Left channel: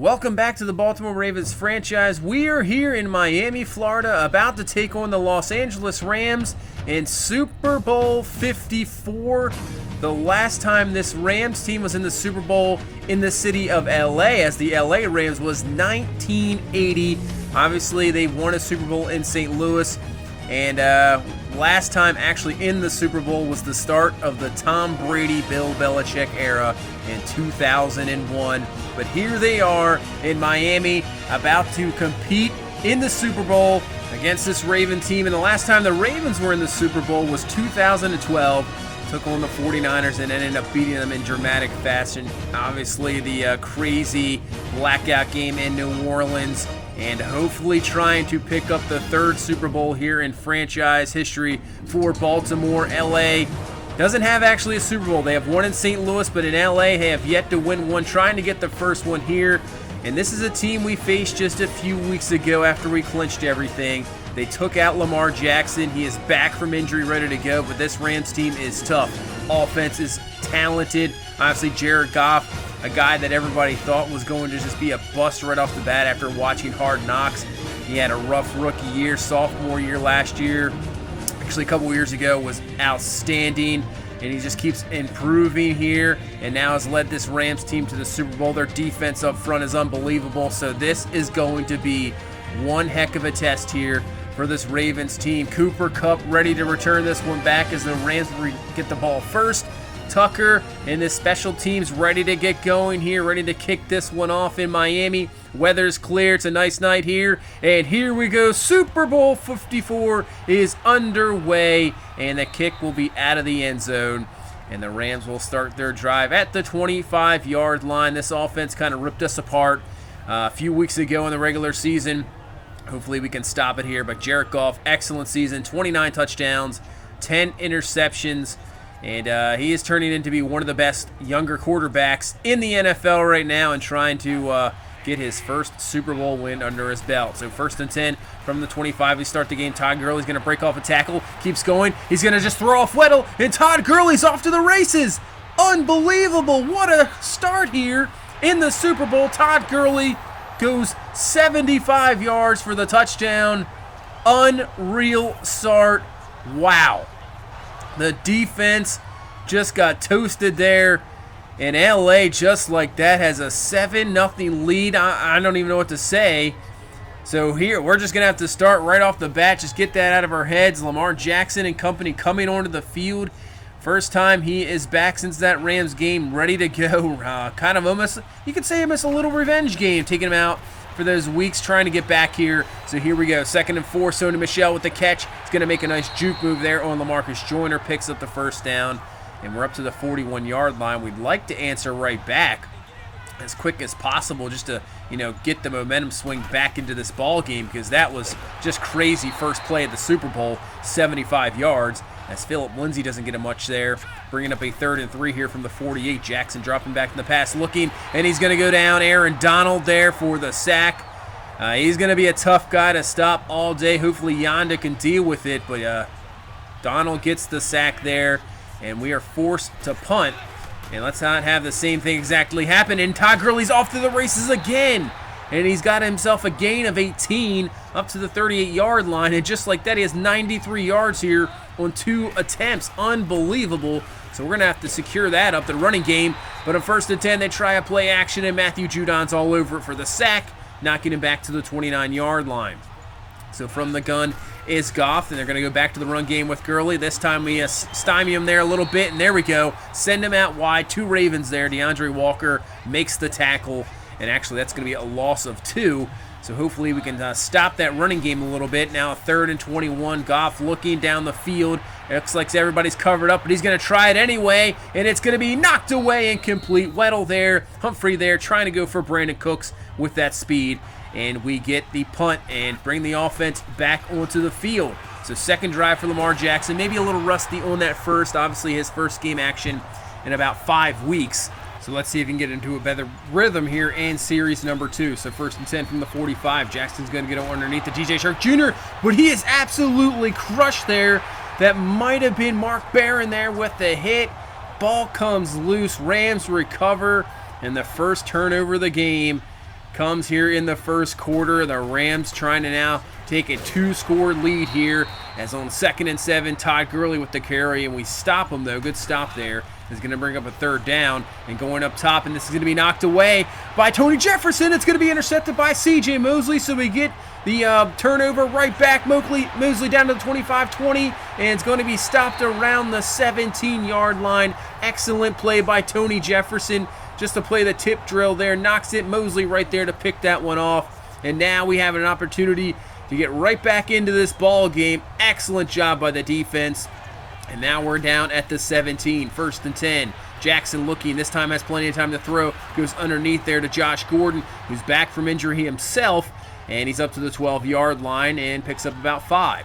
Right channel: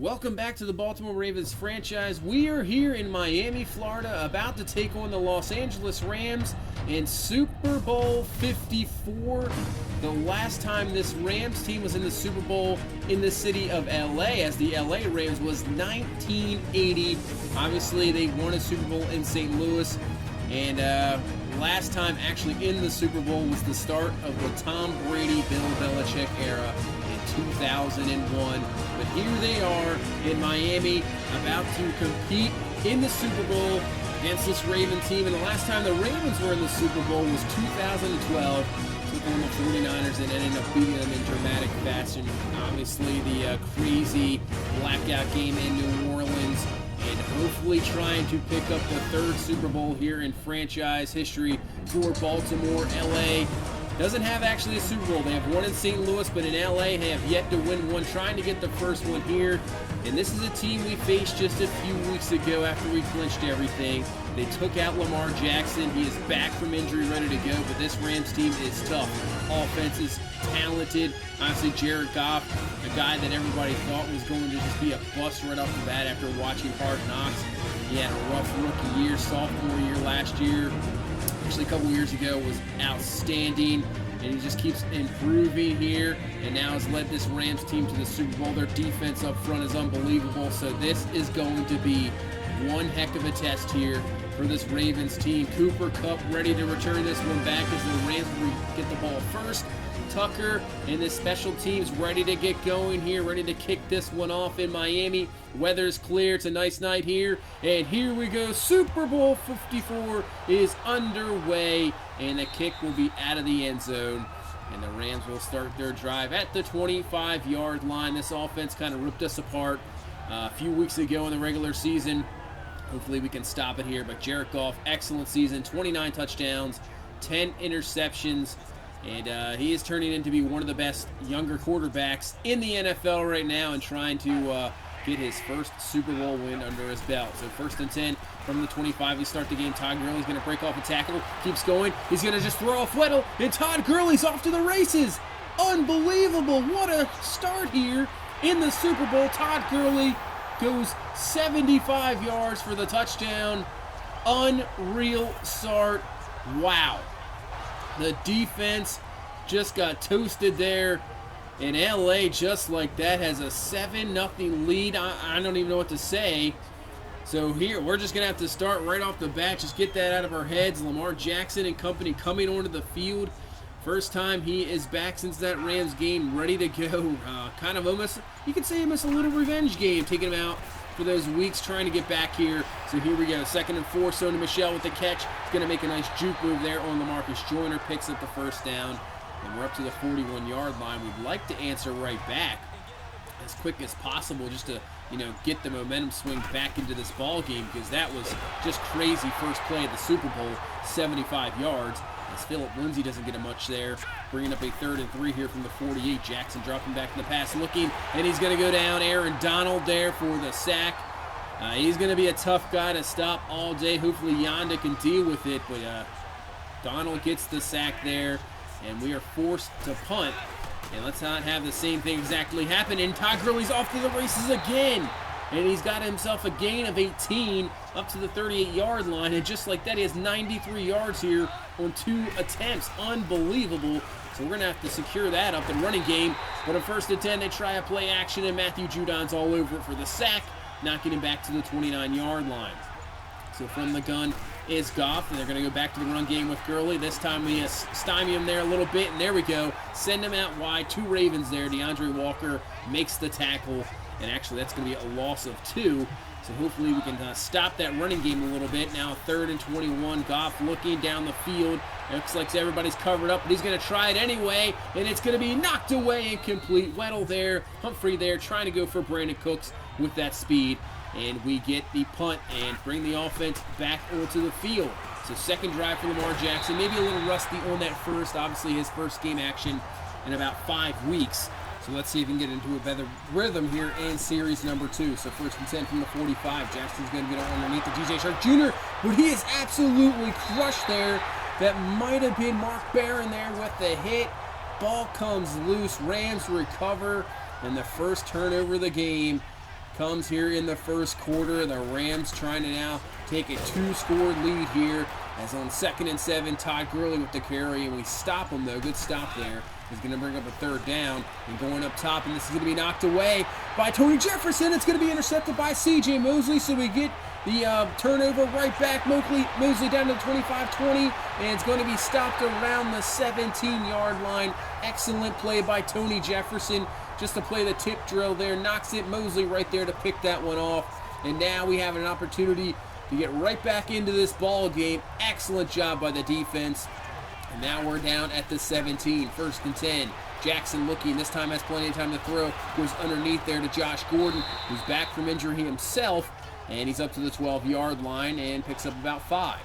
Welcome back to the Baltimore Ravens franchise. We are here in Miami, Florida, about to take on the Los Angeles Rams in Super Bowl 54. The last time this Rams team was in the Super Bowl in the city of LA as the LA Rams was 1980. Obviously, they won a Super Bowl in St. Louis, and last time actually in the Super Bowl was the start of the Tom Brady, Bill Belichick era in 2001. But here they are in Miami about to compete in the Super Bowl against this Raven team. And the last time the Ravens were in the Super Bowl was 2012. Took on the 49ers and ended up beating them in dramatic fashion. Obviously the crazy blackout game in New Orleans, and hopefully trying to pick up the third Super Bowl here in franchise history for Baltimore. LA doesn't have actually a Super Bowl. They have one in St. Louis, but in LA they have yet to win one, trying to get the first one here. And this is a team we faced just a few weeks ago after we clinched everything. They took out Lamar Jackson. He is back from injury, ready to go, but this Rams team is tough. Offense is talented. Obviously, Jared Goff, a guy that everybody thought was going to just be a bust right off the bat after watching Hard Knocks. He had a rough rookie year, sophomore year last year. Actually, a couple years ago was outstanding, and he just keeps improving here, and now has led this Rams team to the Super Bowl. Their defense up front is unbelievable, so this is going to be one heck of a test here for this Ravens team. Cooper Kupp ready to return this one back as the Rams get the ball first. Tucker and the special teams ready to get going here, ready to kick this one off in Miami. Weather's clear. It's a nice night here. And here we go. Super Bowl 54 is underway, and the kick will be out of the end zone. And the Rams will start their drive at the 25-yard line. This offense kind of ripped us apart a few weeks ago in the regular season. Hopefully we can stop it here. But Jared Goff, excellent season. 29 touchdowns, 10 interceptions. And he is turning into be one of the best younger quarterbacks in the NFL right now, and trying to get his first Super Bowl win under his belt. So 1st and 10 from the 25. We start the game. Todd Gurley's going to break off a tackle. Keeps going. He's going to just throw off Weddle, and Todd Gurley's off to the races. Unbelievable. What a start here in the Super Bowl. Todd Gurley goes 75 yards for the touchdown. Unreal start. Wow. The defense just got toasted there, and LA just like that has a 7-0 lead. I don't even know what to say. So here we're just gonna have to start right off the bat, just get that out of our heads. Lamar Jackson and company coming onto the field. First time he is back since that Rams game, ready to go. Kind of almost, you could say almost a little revenge game, taking him out for those weeks, trying to get back here. So here we go. 2nd and 4. Sony Michel with the catch. He's going to make a nice juke move there on LaMarcus Joyner. Picks up the first down. And we're up to the 41-yard line. We'd like to answer right back as quick as possible, just to, get the momentum swing back into this ball game, because that was just crazy first play of the Super Bowl, 75 yards. As Philip Lindsay doesn't get a much there. Bringing up a 3rd and 3 here from the 48. Jackson dropping back in the pass, looking, and he's going to go down. Aaron Donald there for the sack. He's going to be a tough guy to stop all day. Hopefully Yonda can deal with it, but Donald gets the sack there, and we are forced to punt. And let's not have the same thing exactly happen. And Todd Gurley's off to the races again. And he's got himself a gain of 18 up to the 38-yard line. And just like that, he has 93 yards here on 2 attempts. Unbelievable. So we're going to have to secure that up the running game. But on 1st and 10, they try a play action, and Matthew Judon's all over it for the sack, knocking him back to the 29-yard line. So from the gun is Goff, and they're going to go back to the run game with Gurley. This time we stymie him there a little bit, and there we go. Send him out wide. 2 Ravens there. DeAndre Walker makes the tackle. And actually, that's going to be a loss of 2. So hopefully we can stop that running game a little bit. Now 3rd and 21. Goff looking down the field. It looks like everybody's covered up, but he's going to try it anyway. And it's going to be knocked away and complete. Weddle there. Humphrey there trying to go for Brandon Cooks with that speed. And we get the punt and bring the offense back onto the field. So 2nd drive for Lamar Jackson. Maybe a little rusty on that first. Obviously his first game action in about 5 weeks. So let's see if he can get into a better rhythm here in series number 2. So 1st and 10 from the 45. Jackson's going to get underneath the DJ Shark Jr., but he is absolutely crushed there. That might have been Mark Barron there with the hit. Ball comes loose. Rams recover, and the first turnover of the game. comes here in the first quarter. The Rams trying to now take a 2-score lead here, as on 2nd and 7, Todd Gurley with the carry, and we stop him though. Good stop there. Is going to bring up a 3rd down, and going up top, and this is going to be knocked away by Tony Jefferson. It's going to be intercepted by C.J. Mosley, so we get the turnover right back. Mosley down to the 25-20, and it's going to be stopped around the 17-yard line. Excellent play by Tony Jefferson, just to play the tip drill there. Knocks it. Mosley right there to pick that one off, and now we have an opportunity to get right back into this ball game. Excellent job by the defense. And now we're down at the 17, 1st and 10. Jackson looking, this time has plenty of time to throw. Goes underneath there to Josh Gordon, who's back from injury himself. And he's up to the 12-yard line and picks up about 5.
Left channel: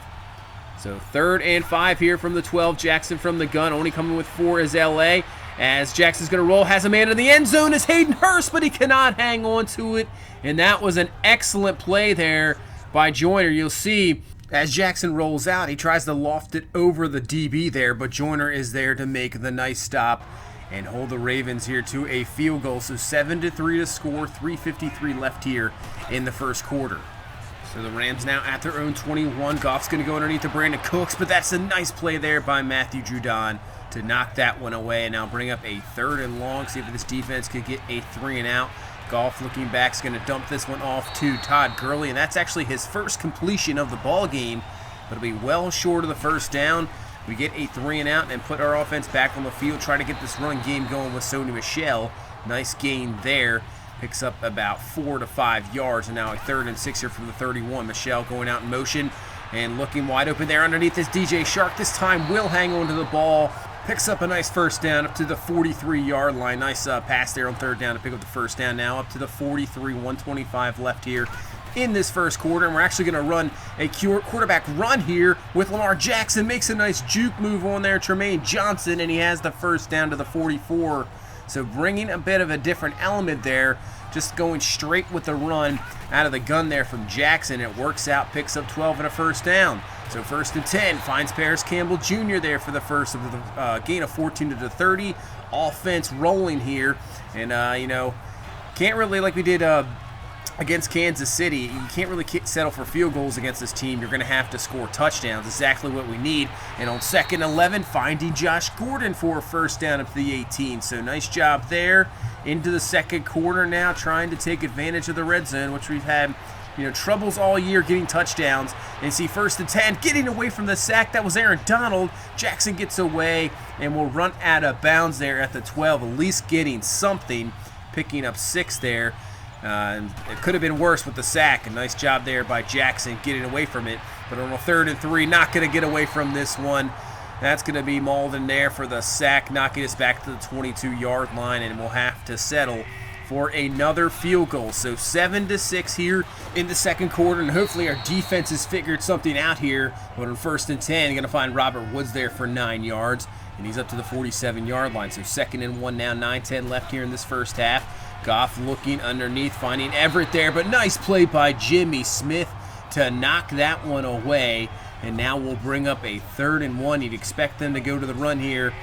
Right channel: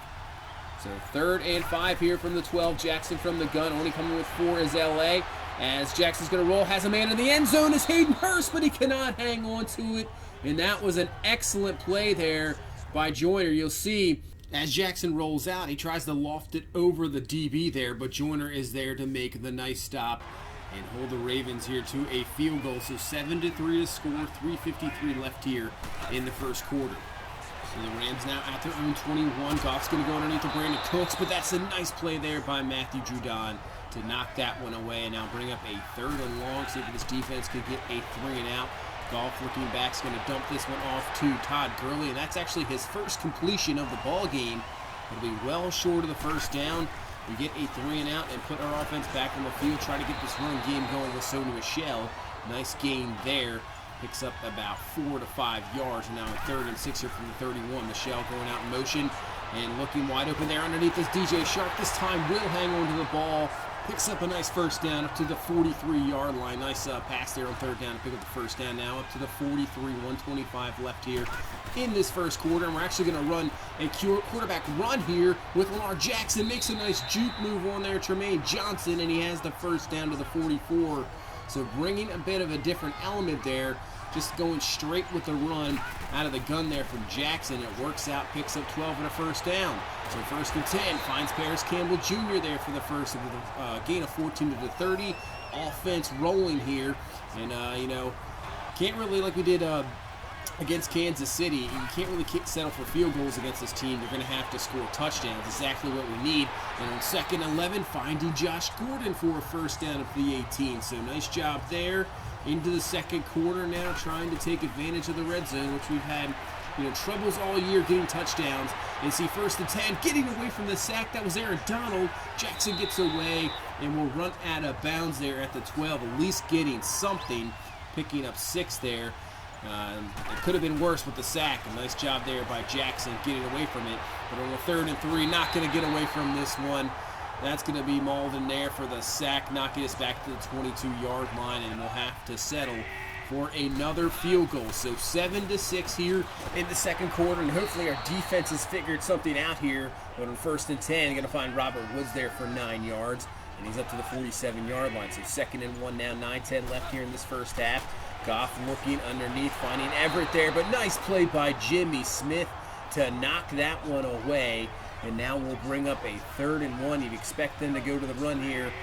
So 3rd and 5 here from the 12. Jackson from the gun, only coming with 4 is LA. As Jackson's going to roll, has a man in the end zone is Hayden Hurst, but he cannot hang on to it. And that was an excellent play there by Joyner. You'll see as Jackson rolls out, he tries to loft it over the DB there, but Joyner is there to make the nice stop and hold the Ravens here to a field goal. So 7-3 to score, 3:53 left here in the first quarter. So the Rams now at their own 21. Goff's going to go underneath to Brandon Cooks, but that's a nice play there by Matthew Judon to knock that one away and now bring up a 3rd and long. See if this defense could get a 3-and-out. Goff looking back is going to dump this one off to Todd Gurley, and that's actually his first completion of the ball game. But it'll be well short of the 1st down. We get a 3-and-out and put our offense back on the field, try to get this run game going with Sony Michel. Nice gain there. Picks up about 4 to 5 yards, and now a 3rd and 6 here from the 31. Michel going out in motion and looking wide open there underneath this DJ Shark. This time will hang on to the ball. Picks up a nice 1st down up to the 43-yard line. Nice pass there on 3rd down to pick up the 1st down. Now up to the 43, 125 left here in this first quarter. And we're actually going to run a quarterback run here with Lamar Jackson. Makes a nice juke move on there, Tremaine Johnson, and he has the 1st down to the 44. So bringing a bit of a different element there. Just going straight with the run out of the gun there from Jackson. It works out, picks up 12 and a 1st down. So 1st and 10, finds Paris Campbell Jr. there for the first of the gain of 14 to the 30. Offense rolling here. And, can't really, like we did against Kansas City, you can't really settle for field goals against this team. You're going to have to score touchdowns. Exactly what we need. And on 2nd and 11, finding Josh Gordon for a 1st down up to the 18. So nice job there. Into the second quarter now, trying to take advantage of the red zone, which we've had troubles all year getting touchdowns. And see 1st and 10, getting away from the sack. That was Aaron Donald. Jackson gets away and will run out of bounds there at the 12, at least getting something, picking up 6 there. It could have been worse with the sack. A nice job there by Jackson getting away from it. But on a 3rd and 3, not going to get away from this one. That's going to be Malden there for the sack, knocking us back to the 22-yard line, and we'll have to settle for another field goal. So 7-6 here in the second quarter, and hopefully our defense has figured something out here. But on 1st and 10, going to find Robert Woods there for 9 yards, and he's up to the 47-yard line. So 2nd and 1 now, 9-10 left here in this first half. Goff looking underneath, finding Everett there, but nice play by Jimmy Smith to knock that one away. And now we'll bring up a 3rd and 1. You'd expect them to go to the run here.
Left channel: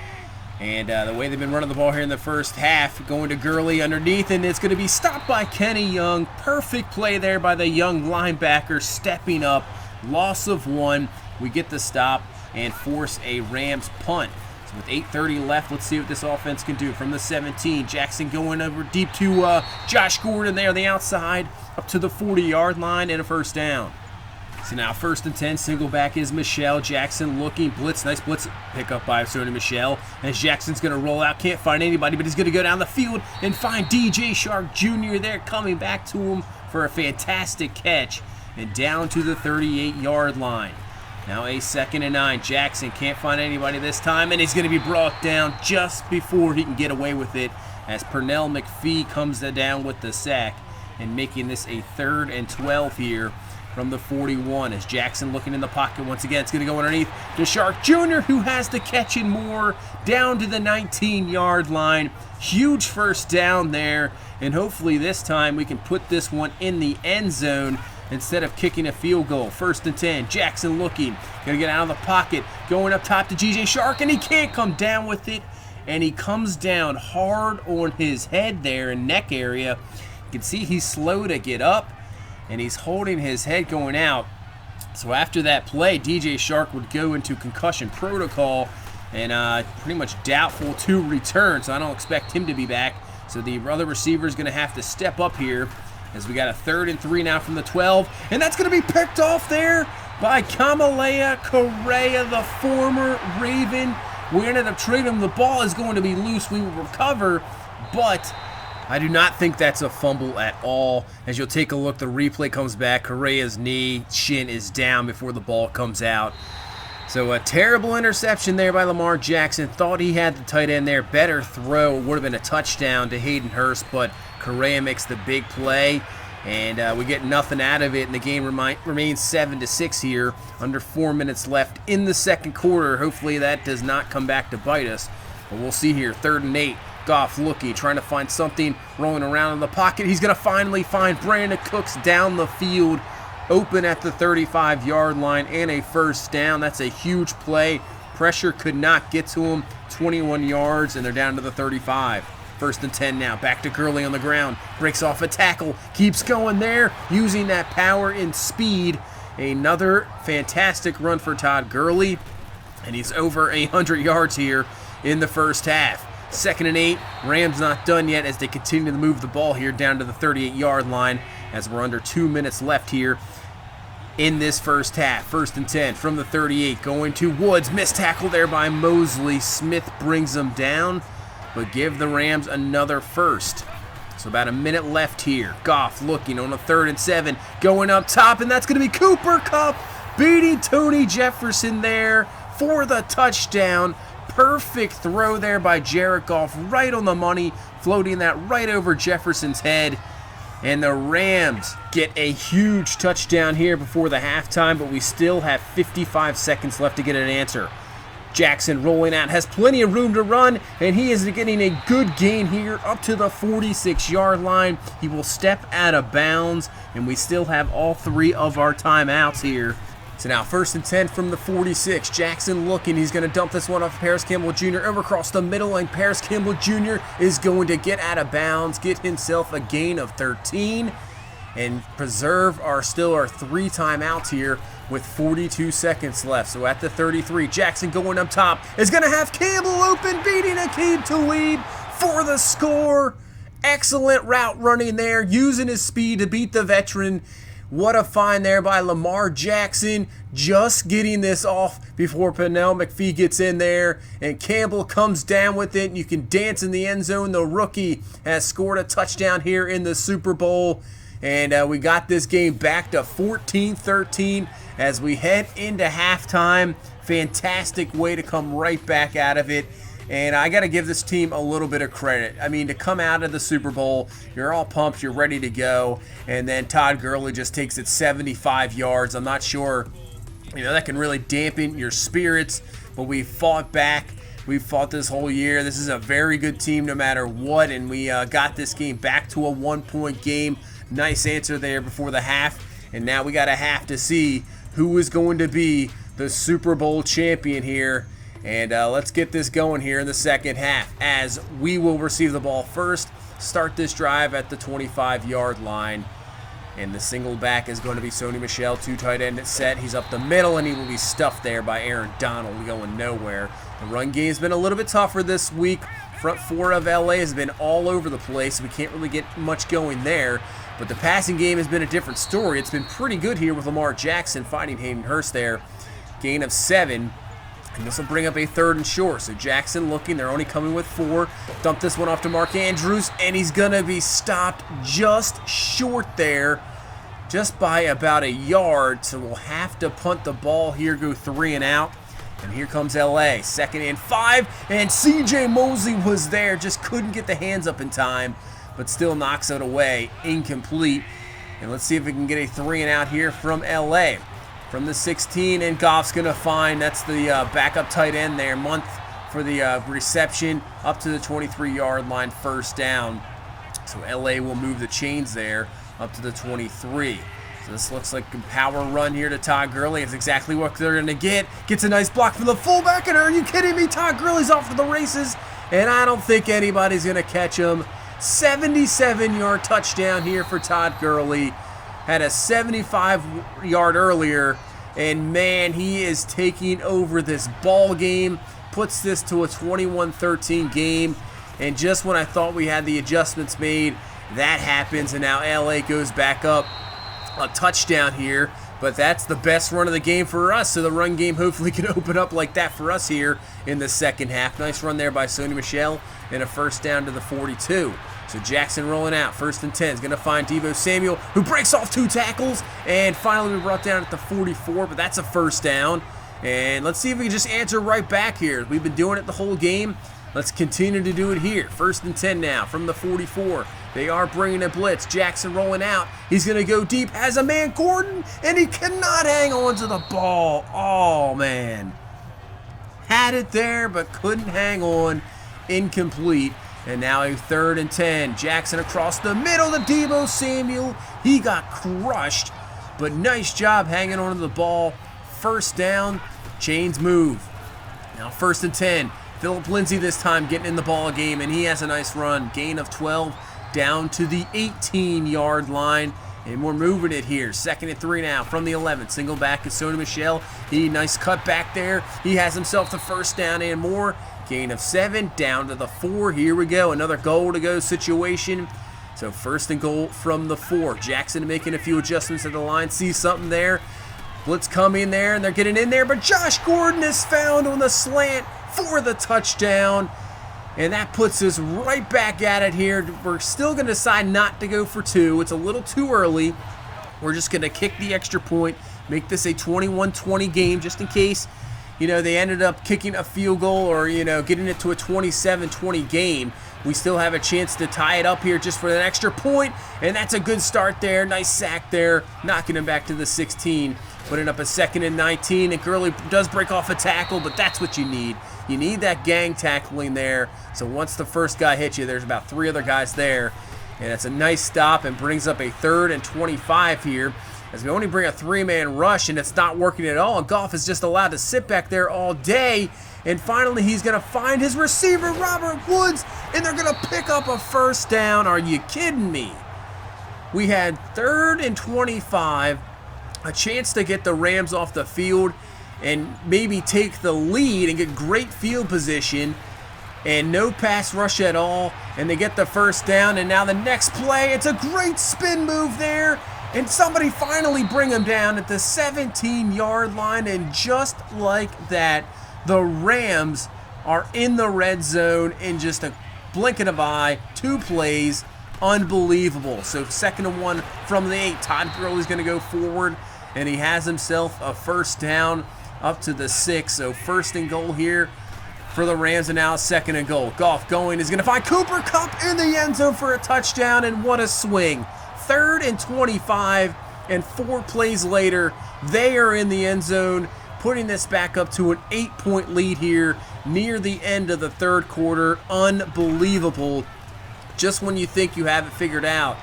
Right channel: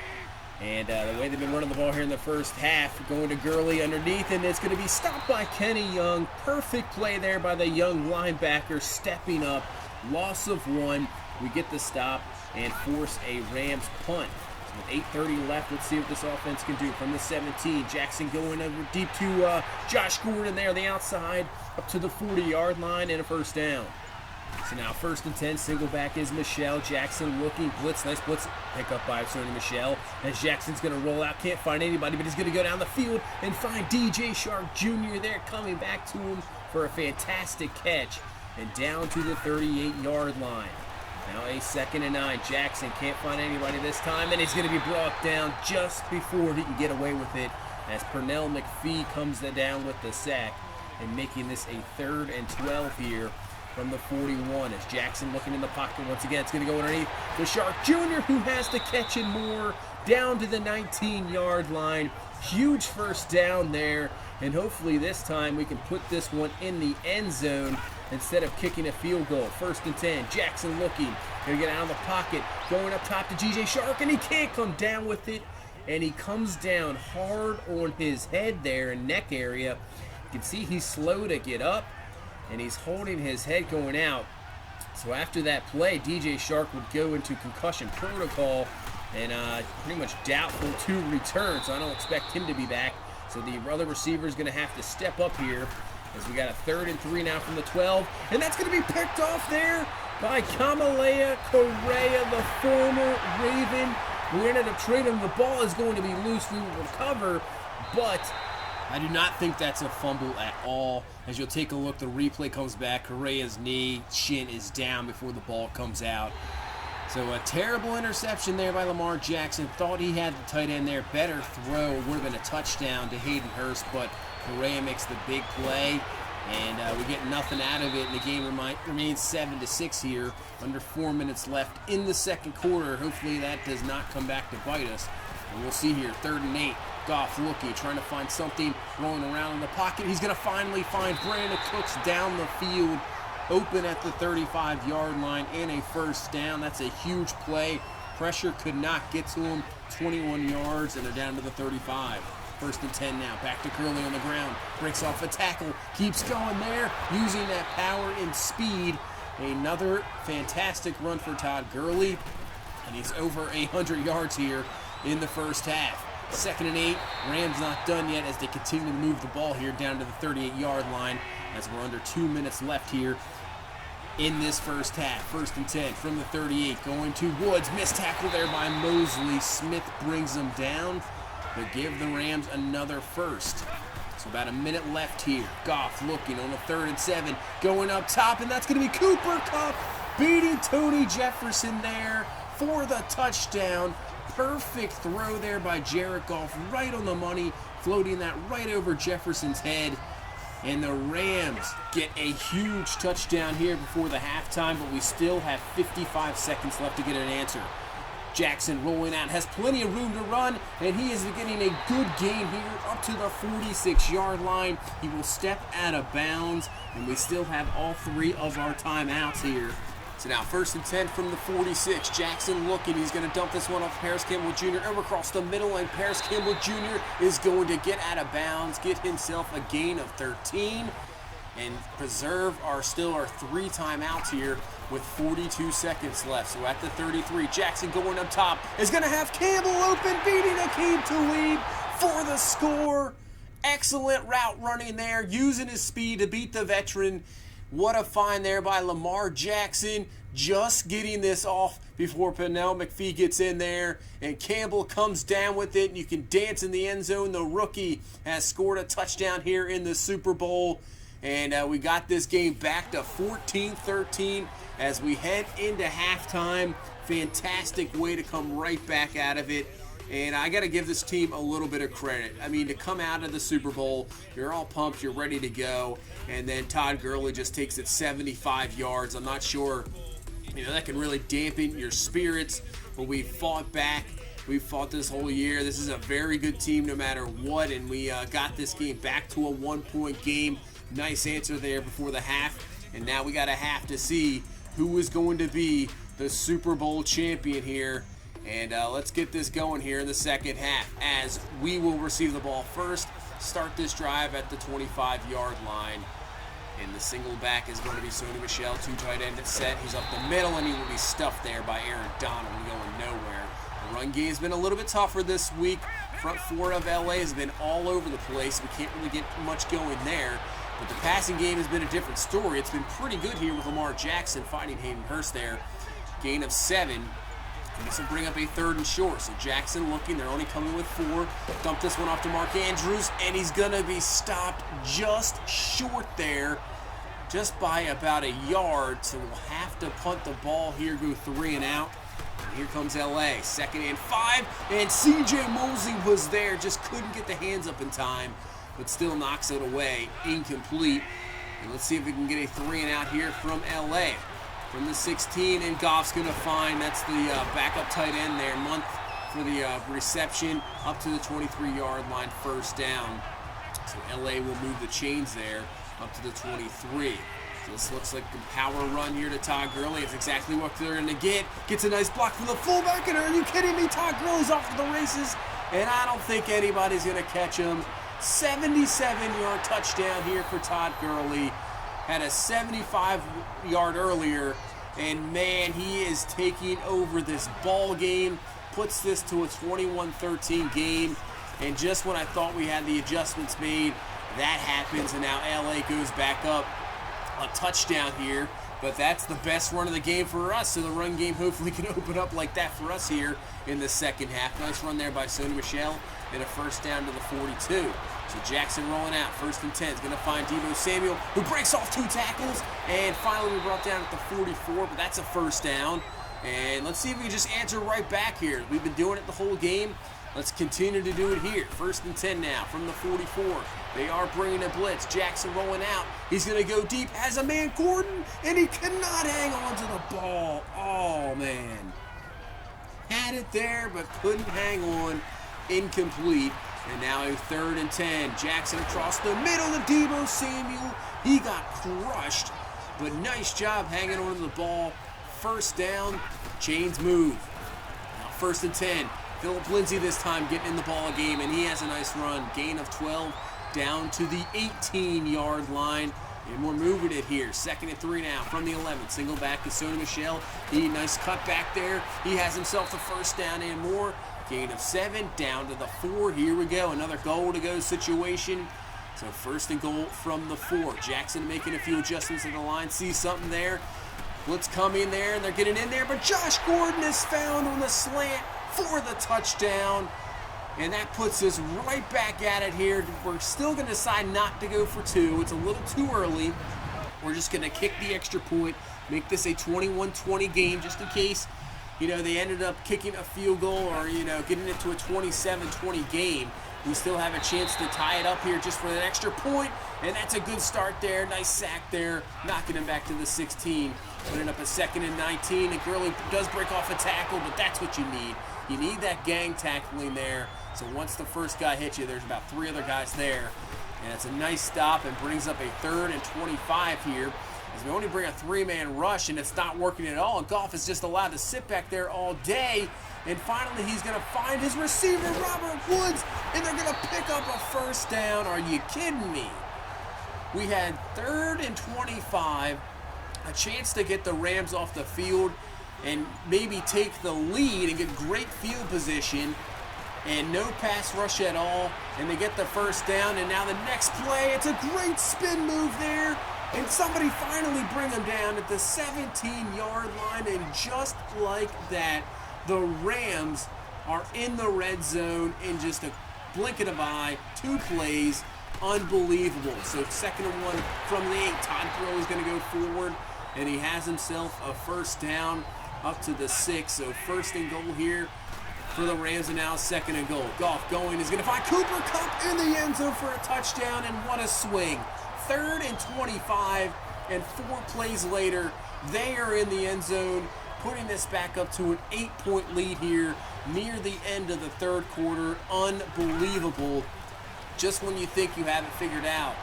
And the way they've been running the ball here in the first half, going to Gurley underneath, and it's going to be stopped by Kenny Young. Perfect play there by the young linebacker, stepping up. Loss of 1. We get the stop and force a Rams punt. So with 8:30 left, let's see what this offense can do. From the 17, Jackson going over deep to Josh Gordon there on the outside, up to the 40-yard line, and a 1st down. So now 1st and 10, single back is Michel. Jackson looking, blitz, nice blitz pick up by Sony Michel. As Jackson's going to roll out, can't find anybody, but he's going to go down the field and find DJ Shark Jr. there, coming back to him for a fantastic catch. And down to the 38-yard line. Now a 2nd and 9. Jackson can't find anybody this time, and he's going to be brought down just before he can get away with it, as Pernell McPhee comes down with the sack, and making this a 3rd and 12 here from the 41. As Jackson looking in the pocket once again. It's going to go underneath to Shark Jr., who has the catch and more, down to the 19-yard line. Huge 1st down there, and hopefully this time we can put this one in the end zone instead of kicking a field goal. 1st and 10, Jackson looking, going to get out of the pocket, going up top to DJ Shark, and he can't come down with it, and he comes down hard on his head there and neck area. You can see he's slow to get up, and he's holding his head going out. So after that play, DJ Shark would go into concussion protocol and pretty much doubtful to return, so I don't expect him to be back. So the other receiver is going to have to step up here as we got a 3rd and 3 now from the 12, and that's going to be picked off there by Kamalea Correa, the former Raven. We ended up trading him. The ball is going to be loose. We will recover, but I do not think that's a fumble at all. As you'll take a look, the replay comes back. Correa's knee, shin is down before the ball comes out. So a terrible interception there by Lamar Jackson. Thought he had the tight end there. Better throw. Would have been a touchdown to Hayden Hurst, but Correa makes the big play, and we get nothing out of it, and the game remains 7-6 here. Under 4 minutes left in the second quarter. Hopefully that does not come back to bite us, but we'll see here. 3rd and 8. Goff looking, trying to find something, rolling around in the pocket. He's going to finally find Brandon Cooks down the field, open at the 35-yard line, and a first down. That's a huge play. Pressure could not get to him. 21 yards, and they're down to the 35. 1st and 10 now. Back to Gurley on the ground. Breaks off a tackle. Keeps going there, using that power and speed. Another fantastic run for Todd Gurley, and he's over 100 yards here in the first half. 2nd and 8. Rams not done yet as they continue to move the ball here down to the 38-yard line as we're under 2 minutes left here in this first half. 1st and 10 from the 38, going to Woods. Missed tackle there by Mosley. Smith brings them down, but give the Rams another first. So about a minute left here. Goff looking on a 3rd and 7, going up top, and that's going to be Cooper Kupp beating Tony Jefferson there for the touchdown. Perfect throw there by Jared Goff, right on the money, floating that right over Jefferson's head. And the Rams get a huge touchdown here before the halftime, but we still have 55 seconds left to get an answer. Jackson rolling out, has plenty of room to run, and he is getting a good gain here up to the 46-yard line. He will step out of bounds, and we still have all 3 of our timeouts here. So now 1st and 10 from the 46. Jackson looking. He's going to dump this one off Paris Campbell Jr. over across the middle, and Paris Campbell Jr. is going to get out of bounds, get himself a gain of 13, and preserve our 3 timeouts here with 42 seconds left. So at the 33, Jackson going up top is going to have Campbell open, beating Aqib Talib for the score. Excellent route running there, using his speed to beat the veteran. What a find there by Lamar Jackson, just getting this off before Pernell McPhee gets in there, and Campbell comes down with it, and you can dance in the end zone. The rookie has scored a touchdown here in the Super Bowl, and we got this game back to 14-13 as we head into halftime. Fantastic way to come right back out of it. And I got to give this team a little bit of credit. I mean, to come out of the Super Bowl, you're all pumped, you're ready to go, and then Todd Gurley just takes it 75 yards. I'm not sure, that can really dampen your spirits, but we fought back. We fought this whole year. This is a very good team no matter what, and we got this game back to a 1-point game. Nice answer there before the half, and now we got a half to see who is going to be the Super Bowl champion here. And let's get this going here in the second half as we will receive the ball first, start this drive at the 25-yard line. And the single back is going to be Sony Michel, 2 tight end set. He's up the middle, and he will be stuffed there by Aaron Donald, going nowhere. The run game's been a little bit tougher this week. Front 4 of LA has been all over the place. We can't really get much going there. But the passing game has been a different story. It's been pretty good here with Lamar Jackson fighting Hayden Hurst there. Gain of 7. And this will bring up a 3rd and short. So Jackson looking. They're only coming with 4. Dump this one off to Mark Andrews, and he's going to be stopped just short there, just by about a yard. So we'll have to punt the ball here, go 3 and out. And here comes LA. 2nd and 5. And CJ Mosley was there. Just couldn't get the hands up in time, but still knocks it away. Incomplete. And let's see if we can get a 3 and out here from LA. From the 16, and Goff's going to find, that's the backup tight end there, Month for the reception, up to the 23-yard line, first down. So LA will move the chains there up to the 23. So this looks like a power run here to Todd Gurley. It's exactly what they're going to get. Gets a nice block from the fullback, and are you kidding me? Todd Gurley's off to the races, and I don't think anybody's going to catch him. 77-yard touchdown here for Todd Gurley. Had a 75-yard earlier, and man, he is taking over this ball game. Puts this to a 21-13 game, and just when I thought we had the adjustments made, that happens, and now LA goes back up a touchdown here. But that's the best run of the game for us, so the run game hopefully can open up like that for us here in the second half. Nice run there by Sony Michel, and a first down to the 42. So Jackson rolling out, 1st and 10. Is going to find Deebo Samuel, who breaks off 2 tackles, and finally we brought down at the 44, but that's a first down. And let's see if we can just answer right back here. We've been doing it the whole game. Let's continue to do it here. 1st and 10 now from the 44. They are bringing a blitz. Jackson rolling out. He's going to go deep. Has a man, Gordon, and he cannot hang on to the ball. Oh, man. Had it there, but couldn't hang on. Incomplete. And now a 3rd and 10. Jackson across the middle to Deebo Samuel. He got crushed, but nice job hanging on to the ball. First down. Chains move. Now 1st and 10. Philip Lindsay this time getting in the ball game, and he has a nice run. Gain of 12 down to the 18-yard line, and we're moving it here. 2nd and 3 now from the 11. Single back is Sony Michel. Nice cut back there. He has himself the first down and more. Gain of 7 down to the 4. Here we go. Another goal to go situation. So 1st and goal from the 4. Jackson making a few adjustments at the line. Sees something there. Blitz coming there, and they're getting in there, but Josh Gordon is found on the slant for the touchdown, and that puts us right back at it here. We're still going to decide not to go for 2. It's a little too early. We're just going to kick the extra point, make this a 21-20 game just in case, they ended up kicking a field goal or, getting it to a 27-20 game. We still have a chance to tie it up here just for an extra point, and that's a good start there. Nice sack there, knocking him back to the 16. Putting up a 2nd and 19, and Gurley does break off a tackle, but that's what you need. You need that gang tackling there. So once the first guy hits you, there's about 3 other guys there. And it's a nice stop and brings up a 3rd and 25 here. As we only bring a 3-man rush, and it's not working at all. And Goff is just allowed to sit back there all day. And finally, he's going to find his receiver, Robert Woods, and they're going to pick up a first down. Are you kidding me? We had 3rd and 25. A chance to get the Rams off the field and maybe take the lead and get great field position, and no pass rush at all, and they get the first down. And now the next play, it's a great spin move there, and somebody finally bring him down at the 17-yard line, and just like that, the Rams are in the red zone in just a blink of an eye. 2 plays. Unbelievable. So 2nd and 1 from the 8. Todd Gurley's going to go forward, and he has himself a first down up to the 6. So 1st and goal here for the Rams, and now 2nd and goal. Goff going is going to find Cooper Kupp in the end zone for a touchdown, and what a swing. 3rd and 25, and 4 plays later, they are in the end zone, putting this back up to an 8-point lead here near the end of the 3rd quarter. Unbelievable. Just when you think you have it figured out,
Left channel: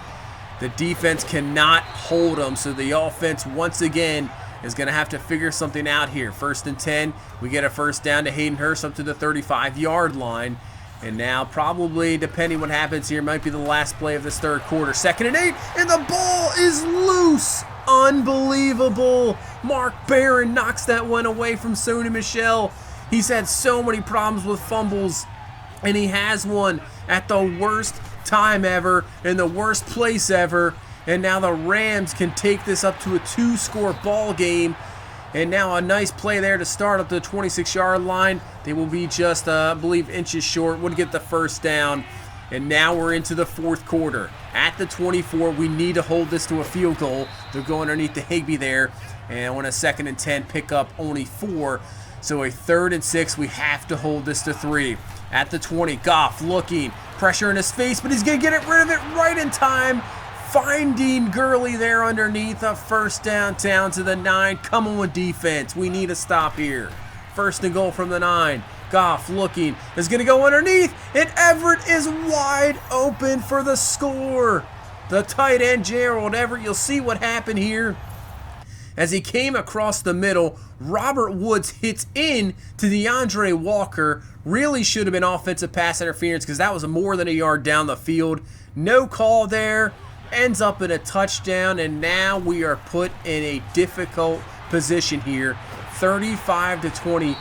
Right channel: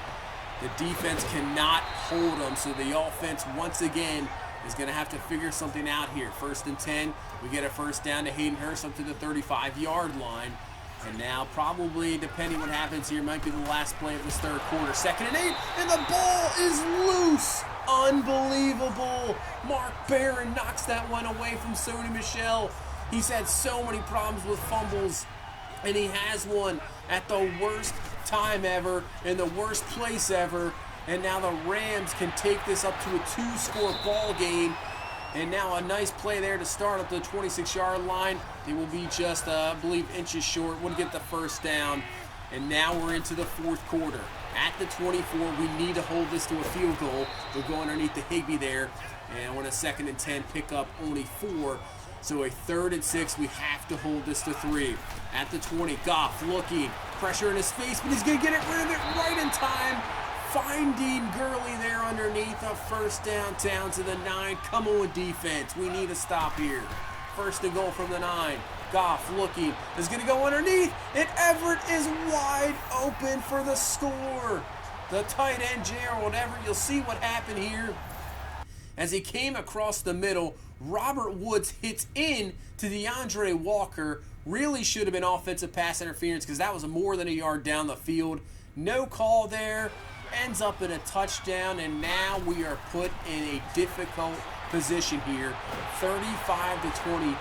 the defense cannot hold them, so the offense once again is going to have to figure something out here. 1st and 10, we get a first down to Hayden Hurst up to the 35-yard line, and now probably, depending what happens here, might be the last play of this 3rd quarter. 2nd and 8, and the ball is loose. Unbelievable. Mark Barron knocks that one away from Sony Michel. He's had so many problems with fumbles, and he has one at the worst time ever in the worst place ever. And now the Rams can take this up to a 2-score ball game. And now a nice play there to start up to the 26-yard line. They will be just, I believe, inches short. Would get the first down. And now we're into the 4th quarter. At the 24, we need to hold this to a field goal. They're going underneath the Higbee there. And on a 2nd and 10, pick up only 4. So a 3rd and 6, we have to hold this to 3. At the 20, Goff looking, pressure in his face, but he's going to get rid of it right in time. Finding Gurley there underneath, a first down to the 9. Come on, defense. We need a stop here. 1st and goal from the 9. Goff looking, is going to go underneath, and Everett is wide open for the score. The tight end, Gerald Everett, you'll see what happened here. as he came across the middle. Robert Woods hits in to DeAndre Walker. Really should have been offensive pass interference because that was more than a yard down the field. No call there. Ends up in a touchdown, and now we are put in a difficult position here. 35-20.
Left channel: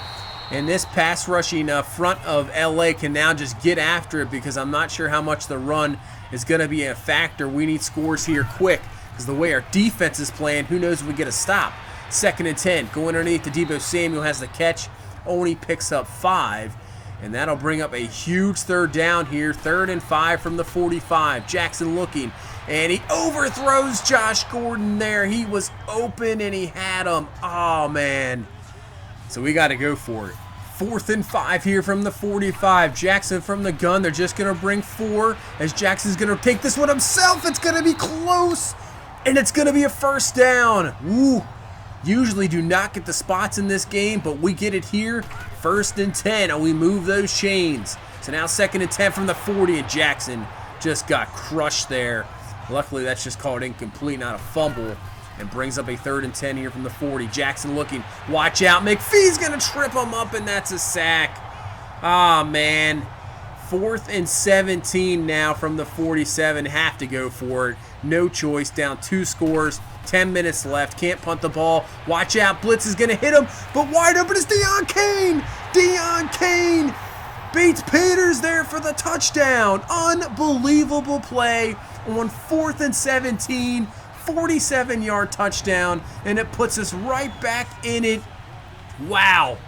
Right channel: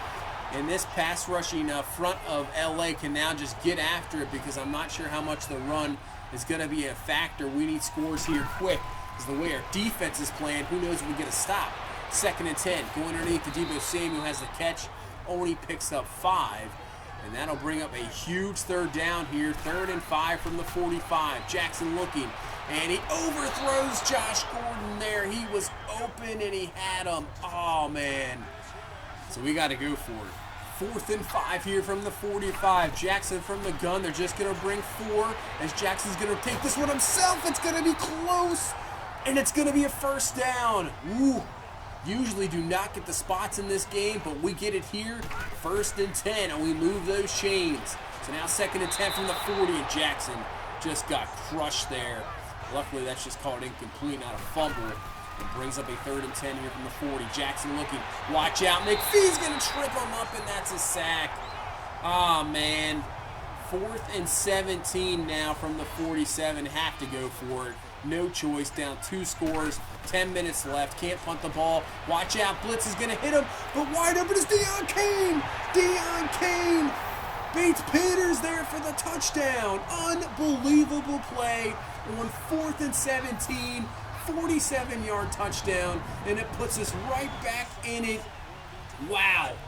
And this pass rushing front of LA can now just get after it because I'm not sure how much the run is going to be a factor. We need scores here quick because the way our defense is playing, who knows if we get a stop. 2nd and 10. Going underneath to Deebo Samuel has the catch. Only picks up 5. And that'll bring up a huge 3rd down here. 3rd and 5 from the 45. Jackson looking. And he overthrows Josh Gordon there. He was open and he had him. Oh, man. So we got to go for it. 4th and 5 here from the 45. Jackson from the gun. They're just going to bring 4 as Jackson's going to take this one himself. It's going to be close. And it's going to be a 1st down. Woo. Usually do not get the spots in this game, but we get it here. 1st and 10, and we move those chains. So now 2nd and 10 from the 40, and Jackson just got crushed there. Luckily, that's just called incomplete, not a fumble, and brings up a 3rd and 10 here from the 40. Jackson looking, watch out. McPhee's going to trip him up, and that's a sack. Ah, man. 4th and 17 now from the 47. Have to go for it. No choice. Down 2 scores. 10 minutes left. Can't punt the ball. Watch out. Blitz is going to hit him. But wide open is Deion Kane. Deion Kane beats Peters there for the touchdown. Unbelievable play on 4th and 17. 47-yard touchdown. And it puts us right back in it. Wow.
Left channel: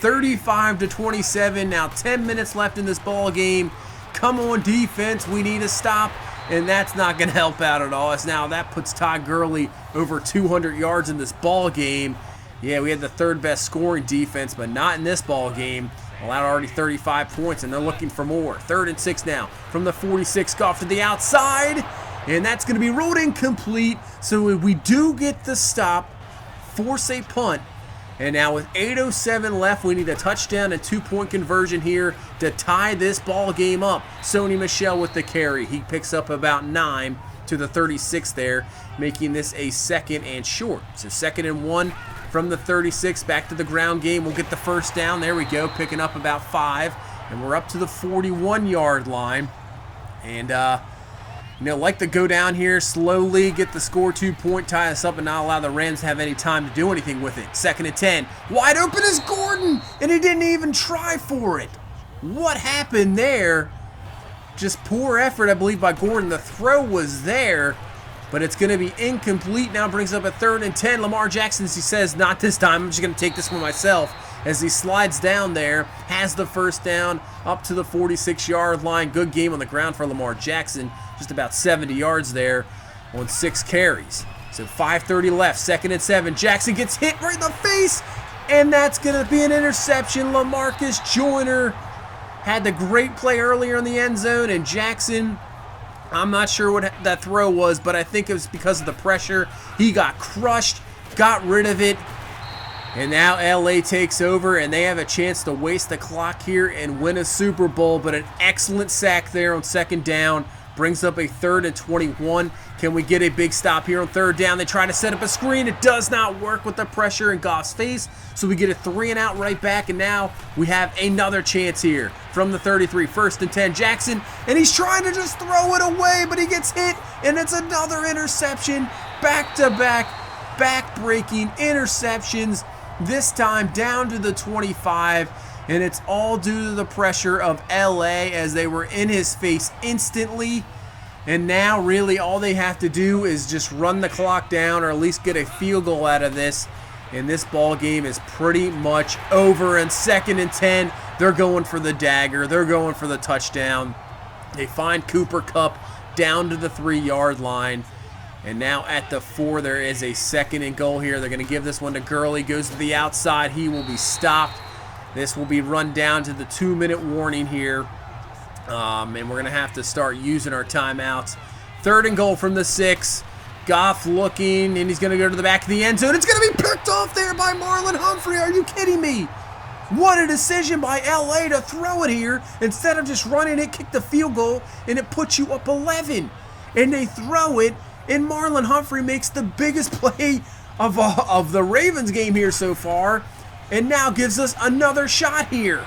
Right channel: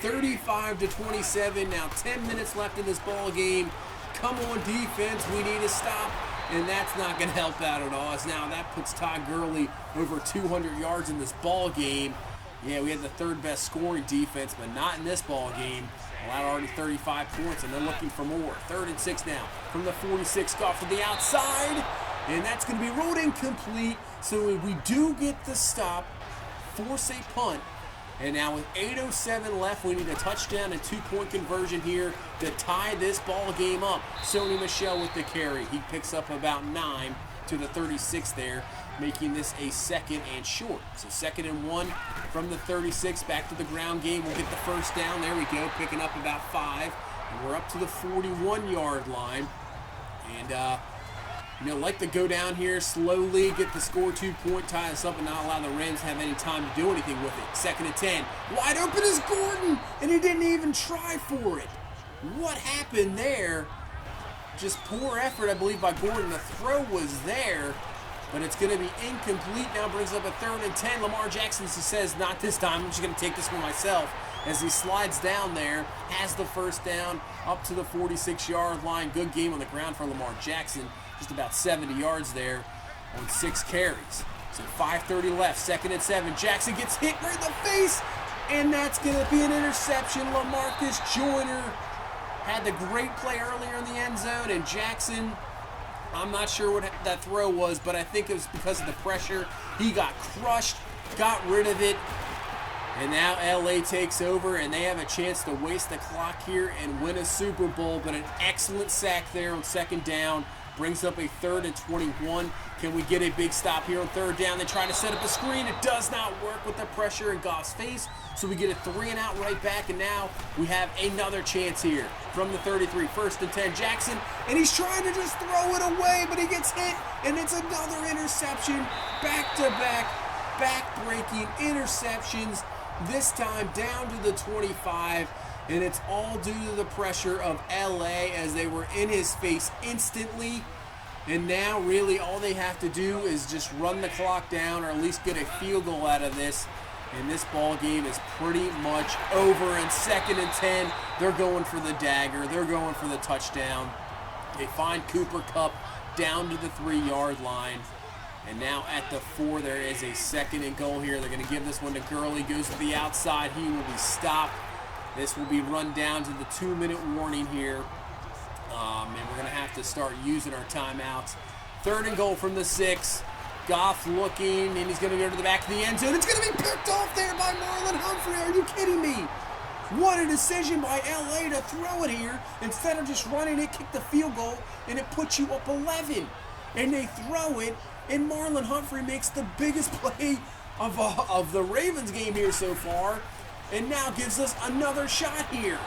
35-27. Now 10 minutes left in this ball game. Come on, defense. We need a stop. And that's not going to help out at all. As now that puts Todd Gurley over 200 yards in this ball game. Yeah, we had the 3rd best scoring defense, but not in this ball game. Allowed already 35 points, and they're looking for more. 3rd and 6 now from the 46. Goff to the outside, and that's going to be ruled incomplete. So if we do get the stop, force a punt. And now with 8:07 left, we need a touchdown and 2-point conversion here to tie this ball game up. Sony Michel with the carry. He picks up about 9 to the 36 there, making this a 2nd and short. So 2nd and 1 from the 36. Back to the ground game. We'll get the 1st down. There we go, picking up about 5. And we're up to the 41-yard line. And, like to go down here slowly, get the score, 2-point, tie us up, and not allow the Rams to have any time to do anything with it. 2nd and 10. Wide open is Gordon, and he didn't even try for it. What happened there? Just poor effort, I believe, by Gordon. The throw was there, but it's going to be incomplete. Now brings up a 3rd and 10. Lamar Jackson, as he says, not this time. I'm just going to take this one myself. As he slides down there, has the 1st down up to the 46-yard line. Good game on the ground for Lamar Jackson. Just about 70 yards there on 6 carries. So 5:30 left, 2nd and 7. Jackson gets hit right in the face, and that's going to be an interception. LaMarcus Joyner had the great play earlier in the end zone, and Jackson, I'm not sure what that throw was, but I think it was because of the pressure. He got crushed, got rid of it, and now LA takes over, and they have a chance to waste the clock here and win a Super Bowl, but an excellent sack there on 2nd down. Brings up a 3rd and 21. Can we get a big stop here on 3rd down? They try to set up a screen. It does not work with the pressure in Goff's face. So we get a 3 and out right back. And now we have another chance here from the 33. 1st and 10. Jackson. And he's trying to just throw it away, but he gets hit. And it's another interception. Back-to-back, back-breaking interceptions. This time down to the 25. And it's all due to the pressure of LA as they were in his face instantly. And now really all they have to do is just run the clock down or at least get a field goal out of this. And this ball game is pretty much over. And 2nd and 10, they're going for the dagger. They're going for the touchdown. They find Cooper Kupp down to the 3-yard line. And now at the 4, there is a 2nd and goal here. They're going to give this one to Gurley. Goes to the outside. He will be stopped. This will be run down to the 2-minute warning here. And we're going to have to start using our timeouts. 3rd and goal from the 6. Goff looking, and he's going to go to the back of the end zone. It's going to be picked off there by Marlon Humphrey. Are you kidding me? What a decision by LA to throw it here. Instead of just running it, kick the field goal, and it puts you up 11. And they throw it, and Marlon Humphrey makes the biggest play of the Ravens game here so far, and now gives us another shot here.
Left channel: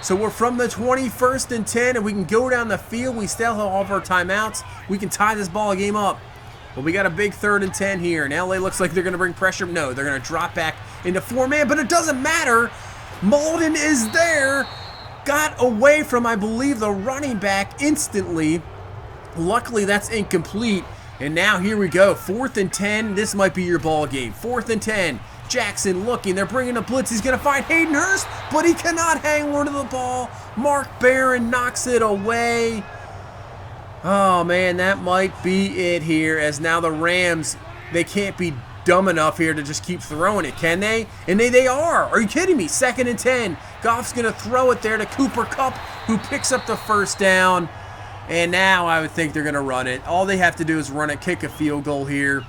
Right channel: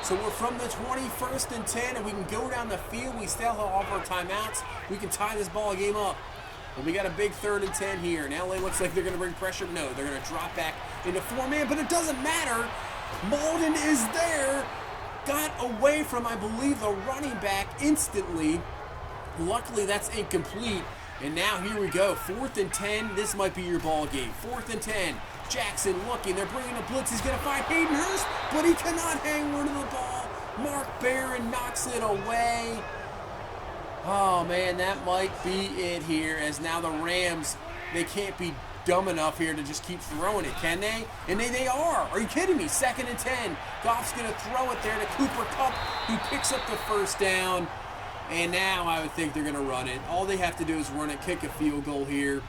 So we're from the 21st and 10, and we can go down the field. We still have all of our timeouts. We can tie this ball game up. But we got a big 3rd and 10 here, and LA looks like they're going to bring pressure. No, they're going to drop back into 4-man, but it doesn't matter. Malden is there. Got away from, I believe, the running back instantly. Luckily, that's incomplete. And now here we go, 4th and 10. This might be your ball game. 4th and 10. Jackson looking. They're bringing a blitz. He's going to find Hayden Hurst, but he cannot hang on to the ball. Mark Barron knocks it away. Oh, man, that might be it here, as now the Rams, they can't be dumb enough here to just keep throwing it, can they? And they are. Are you kidding me? 2nd and 10. Goff's going to throw it there to Cooper Kupp, who picks up the 1st down. And now I would think they're going to run it. All they have to do is run it, kick a field goal here,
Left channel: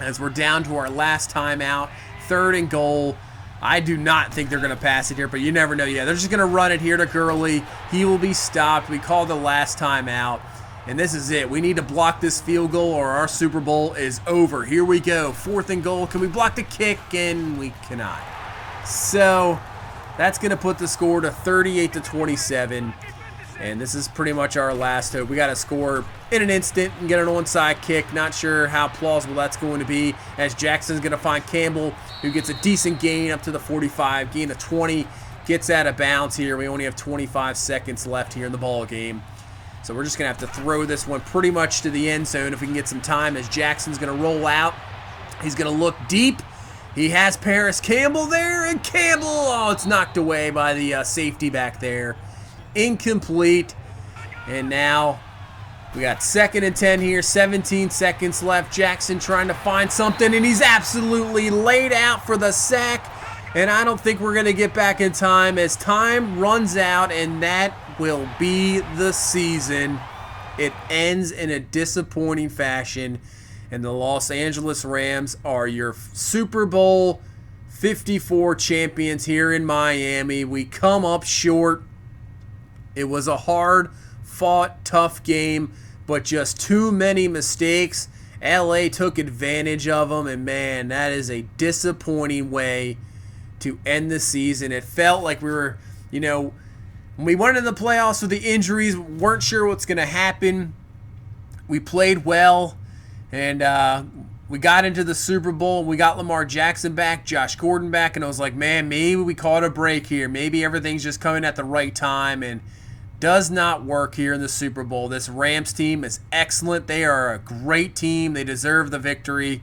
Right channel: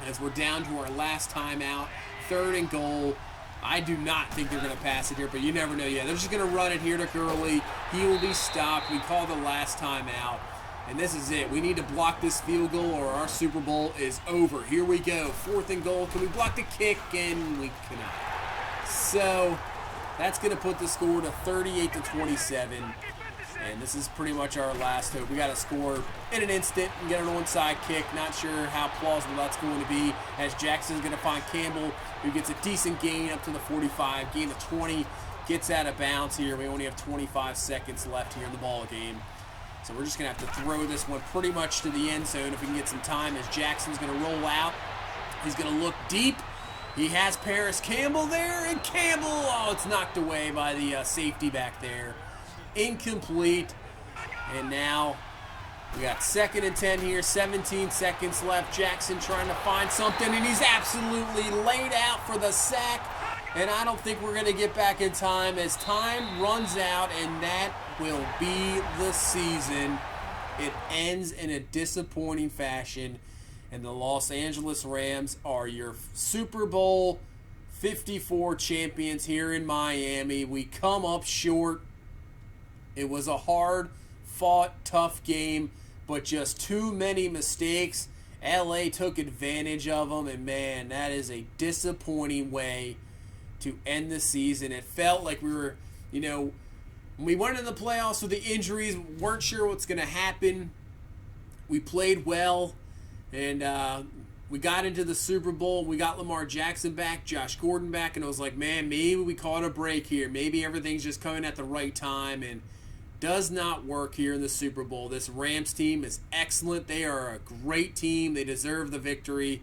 as we're down to our last timeout. 3rd and goal. I do not think they're going to pass it here, but you never know. Yeah, they're just going to run it here to Gurley. He will be stopped. We call the last timeout. And this is it. We need to block this field goal or our Super Bowl is over. Here we go. 4th and goal. Can we block the kick? And we cannot. So that's going to put the score to 38-27. And this is pretty much our last hope. We got to score in an instant and get an onside kick. Not sure how plausible that's going to be, as Jackson's going to find Campbell, who gets a decent gain up to the 45, gain of 20, gets out of bounds here. We only have 25 seconds left here in the ball game. So we're just going to have to throw this one pretty much to the end zone if we can get some time, as Jackson's going to roll out. He's going to look deep. He has Paris Campbell there, and Campbell, oh, it's knocked away by the safety back there. Incomplete. And now we got 2nd and 10 here, 17 seconds left. Jackson trying to find something, and he's absolutely laid out for the sack. And I don't think we're going to get back in time, as time runs out, and that will be the season. It ends in a disappointing fashion, and the Los Angeles Rams are your Super Bowl 54 champions here in Miami. We come up short. It was a hard-fought, tough game, but just too many mistakes. LA took advantage of them, and man, that is a disappointing way to end the season. It felt like we were, when we went into the playoffs with the injuries, weren't sure what's going to happen. We played well, and we got into the Super Bowl. We got Lamar Jackson back, Josh Gordon back, and I was like, man, maybe we caught a break here. Maybe everything's just coming at the right time, and does not work here in the Super Bowl. This Rams team is excellent. They are a great team. They deserve the victory.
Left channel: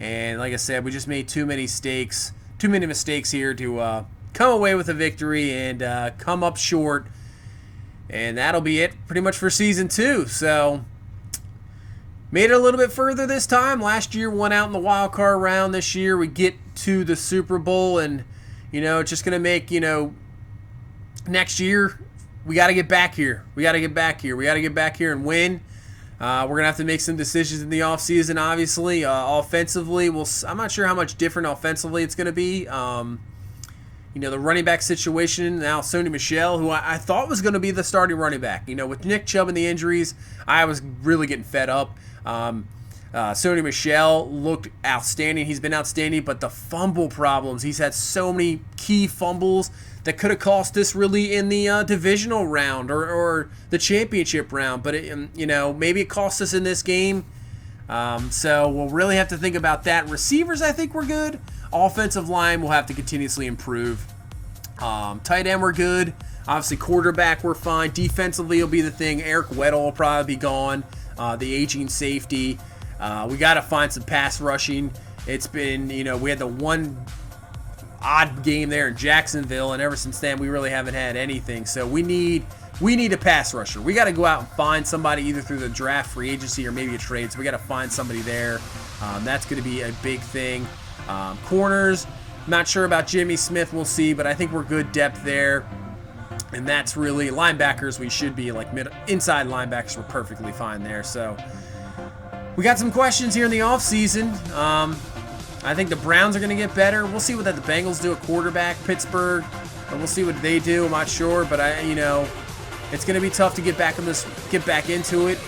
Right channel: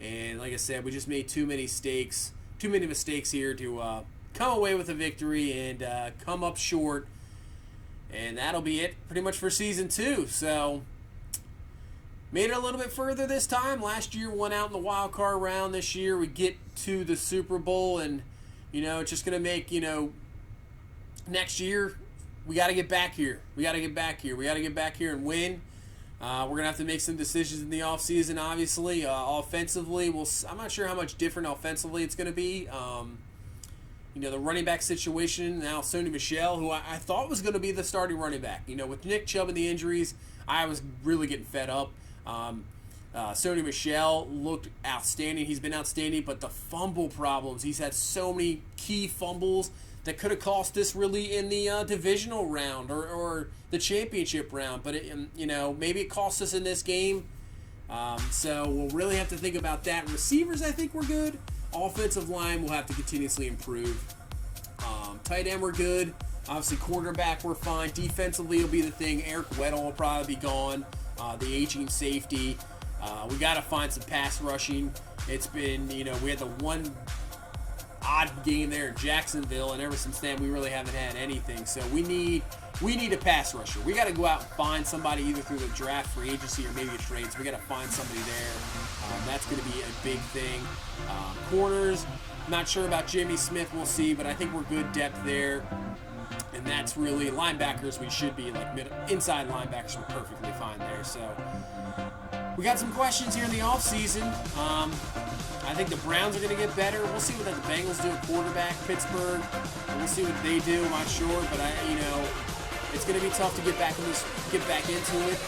And like I said, we just made too many mistakes here to come away with a victory and come up short. And that'll be it pretty much for Season 2. So made it a little bit further this time. Last year went out in the wild card round. This year we get to the Super Bowl, and it's just going to make, next year we got to get back here. We got to get back here and win. We're going to have to make some decisions in the offseason, obviously. Offensively, I'm not sure how much different offensively it's going to be. The running back situation, now Sony Michel, who I thought was going to be the starting running back. With Nick Chubb and the injuries, I was really getting fed up. Sony Michel looked outstanding. He's been outstanding, but the fumble problems, he's had so many key fumbles that could have cost us really in the divisional round or the championship round. But, maybe it cost us in this game. So we'll really have to think about that. Receivers, I think we're good. Offensive line will have to continuously improve. Tight end, we're good. Obviously, quarterback, we're fine. Defensively will be the thing. Eric Weddle will probably be gone. The aging safety. We got to find some pass rushing. It's been, we had the one odd game there in Jacksonville, and ever since then we really haven't had anything. So we need a pass rusher. We got to go out and find somebody either through the draft, free agency, or maybe a trade. So we got to find somebody there. That's going to be a big thing. Corners, not sure about Jimmy Smith. We'll see, but I think we're good depth there. And that's really linebackers. We should be like inside linebackers. We're perfectly fine there. So we got some questions here in the offseason. I think the Browns are going to get better. We'll see what the Bengals do at quarterback. Pittsburgh, we'll see what they do. I'm not sure, but it's going to be tough to get back into it.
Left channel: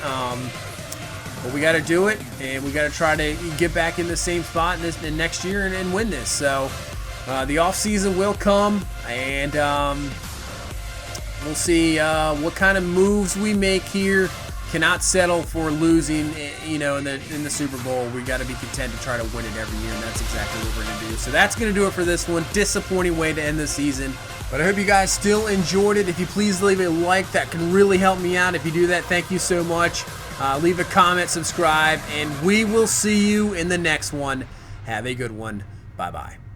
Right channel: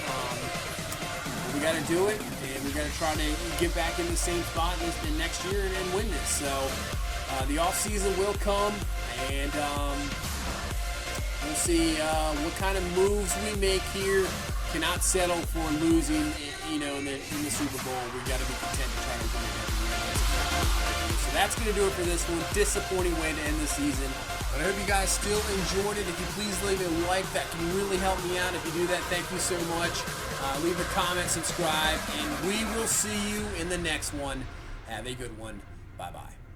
But we got to do it, and we got to try to get back in the same spot in next year and win this. So the offseason will come, and we'll see what kind of moves we make here. Cannot settle for losing, you know, in the Super Bowl. We got to be content to try to win it every year, and that's exactly what we're going to do. So that's going to do it for this one. Disappointing way to end the season. But I hope you guys still enjoyed it. If you please leave a like, that can really help me out. If you do that, thank you so much. Leave a comment, subscribe, and we will see you in the next one. Have a good one. Bye-bye.